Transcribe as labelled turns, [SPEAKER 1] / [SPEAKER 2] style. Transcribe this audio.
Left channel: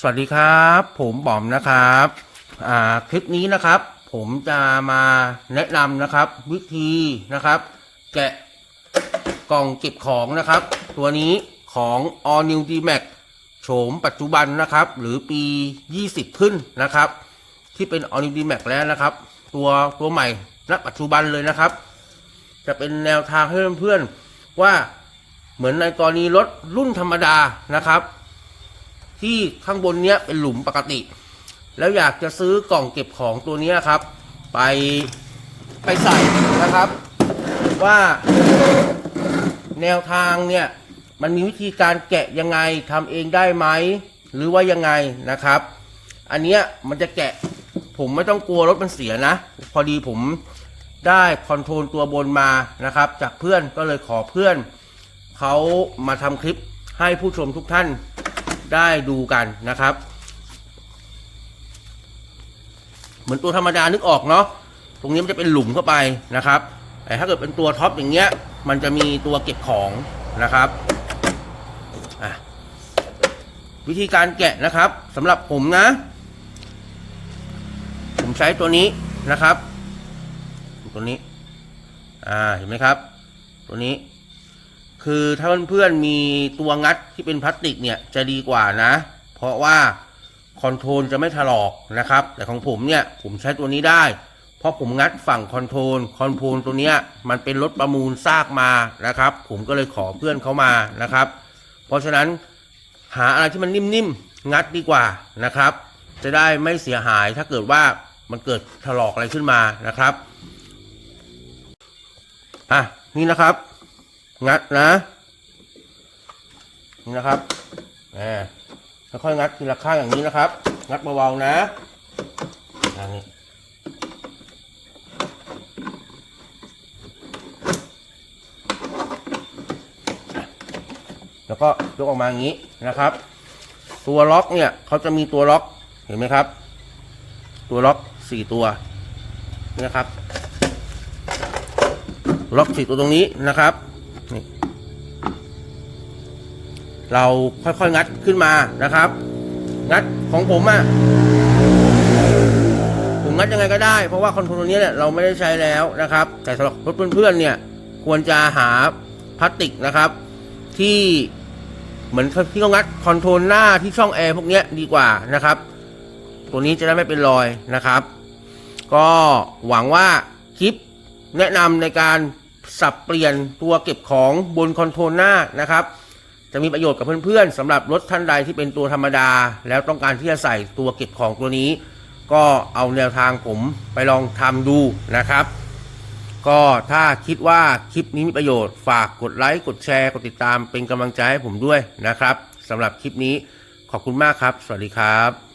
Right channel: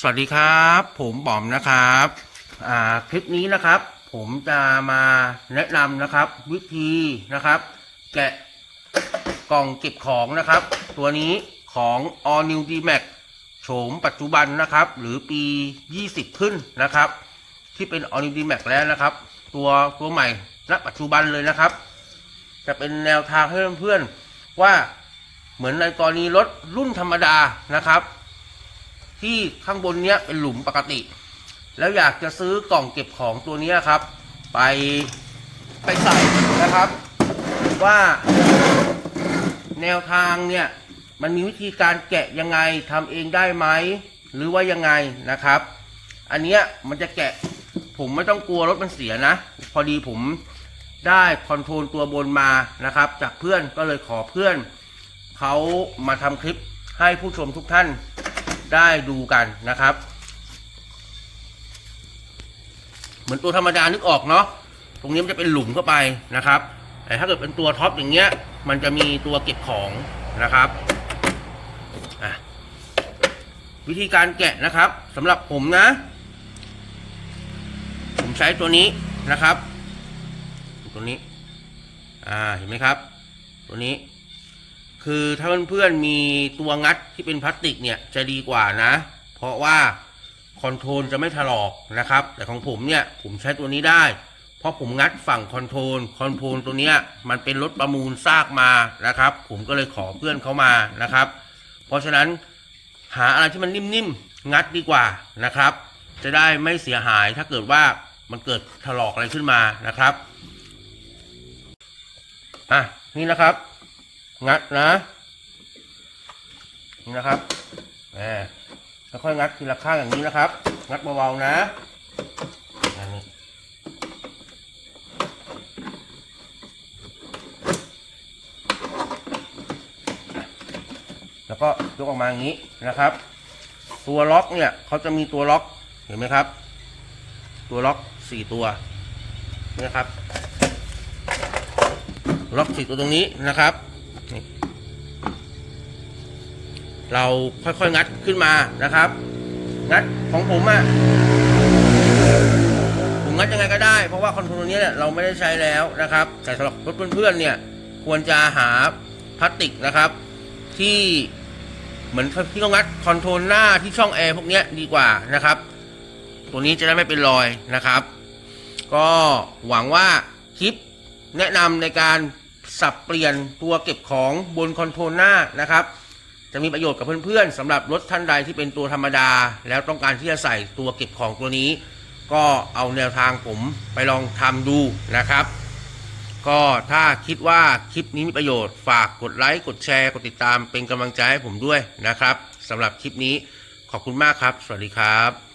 [SPEAKER 1] สวัสดีครับ ผมบอมนะครับอ่าคลิปนี้นะครับ ผมจะมาแนะนำนะครับ วิธีนะครับ แกะกล่องเก็บของนะครับ ตัวนี้ของ All New D Max โฉมปัจจุบันนะครับ หรือปี 20 ขึ้นนะครับ ที่เป็น All New D Max แล้วนะครับ ตัวตัวใหม่ณปัจจุบันเลยนะครับ จะเป็นแนวทางให้เพื่อนๆว่าเหมือนในกรณีรถรุ่นธรรมดานะครับ ที่ข้างบนเนี้ยเป็นหลุมปกติ แล้วอยากจะซื้อกล่องเก็บของตัวนี้ครับ ไปไปใส่นะครับ ว่าแนวทางเนี่ยมันมีวิธีการแกะยังไงทำเองได้ไหมหรือว่ายังไงนะครับ อันเนี้ยมันจะแกะผมไม่ต้องกลัวรถมันเสียนะ พอดีผมได้คอนโทรลตัวบนมานะครับ จากเพื่อนก็เลยขอเพื่อนเขามาทำคลิปให้ผู้ชมทุกท่าน ได้ดูกันนะครับ เหมือนตัวธรรมดานึกออกเนาะตรงนี้มันจะเป็นหลุมเข้าไปนะครับ แต่ถ้าเกิดเป็นตัวท็อปอย่างเงี้ย มันจะมีตัวเก็บของนะครับวิธีการแกะนะครับสำหรับผมนะ ผมใช้ตัวนี้นะครับ ตัวนี้ อ่าเห็นไหมครับ ตัวนี้ คือถ้าเพื่อนๆมีตัวงัดที่เป็นพลาสติกเนี่ยจะดีกว่านะ เพราะว่าคอนโทรลจะไม่ถลอกนะครับ แต่ของผมเนี่ยผมใช้ตัวนี้ได้ เพราะผมงัดฝั่งคอนโทรลคอนโทรลตัวเนี้ยมันเป็นรถประมูลซากมานะครับ ผมก็เลยขอเพื่อนเขามานะครับ เพราะฉะนั้นหาอะไรที่มันนิ่มๆงัดดีกว่านะครับ จะได้ไม่เสียหายถ้าเกิดว่ามันเกิดถลอกอะไรขึ้นมานะครับอะนี่นะครับ งัดนะ นี่นะครับแหมค่อยๆงัดทีละข้างอย่างนี้นะครับ งัดเบาๆนะอันนี้แล้วก็ยกออกมาอย่างนี้นะครับ ตัวล็อกเนี่ยเขาจะมีตัวล็อกเห็นไหมครับ ตัวล็อกสี่ตัวนี่นะครับ ล็อกสี่ตัวตรงนี้นะครับ นี่เราค่อยๆงัดขึ้นมานะครับ งัดของผมอะ่ะผมงัดยังไงก็ได้ เพราะว่าคอนโทรลนี้เนี่ยเราไม่ได้ใช้แล้วนะครับ แต่สำหรับรถเพื่อนๆเนี่ย ควรจะหาพลาสติกนะครับ ที่เหมือนที่เขางัดคอนโทรลหน้าที่ช่องแอร์พวกนี้ดีกว่านะครับ ตัวนี้จะได้ไม่เป็นรอยนะครับ ก็หวังว่าคลิปแนะนำในการ สับเปลี่ยนตัวเก็บของบนคอนโทรลหน้านะครับ จะมีประโยชน์กับเพื่อนๆสำหรับรถท่านใดที่เป็นตัวธรรมดา แล้วต้องการที่จะใส่ตัวเก็บของตัวนี้ ก็เอาแนวทางผมไปลองทำดูนะครับ ก็ถ้าคิดว่าคลิปนี้มีประโยชน์ฝากกดไลค์กดแชร์กดติดตามเป็นกำลังใจให้ผมด้วยนะครับสำหรับคลิปนี้ขอบคุณมากครับ สวัสดีครับ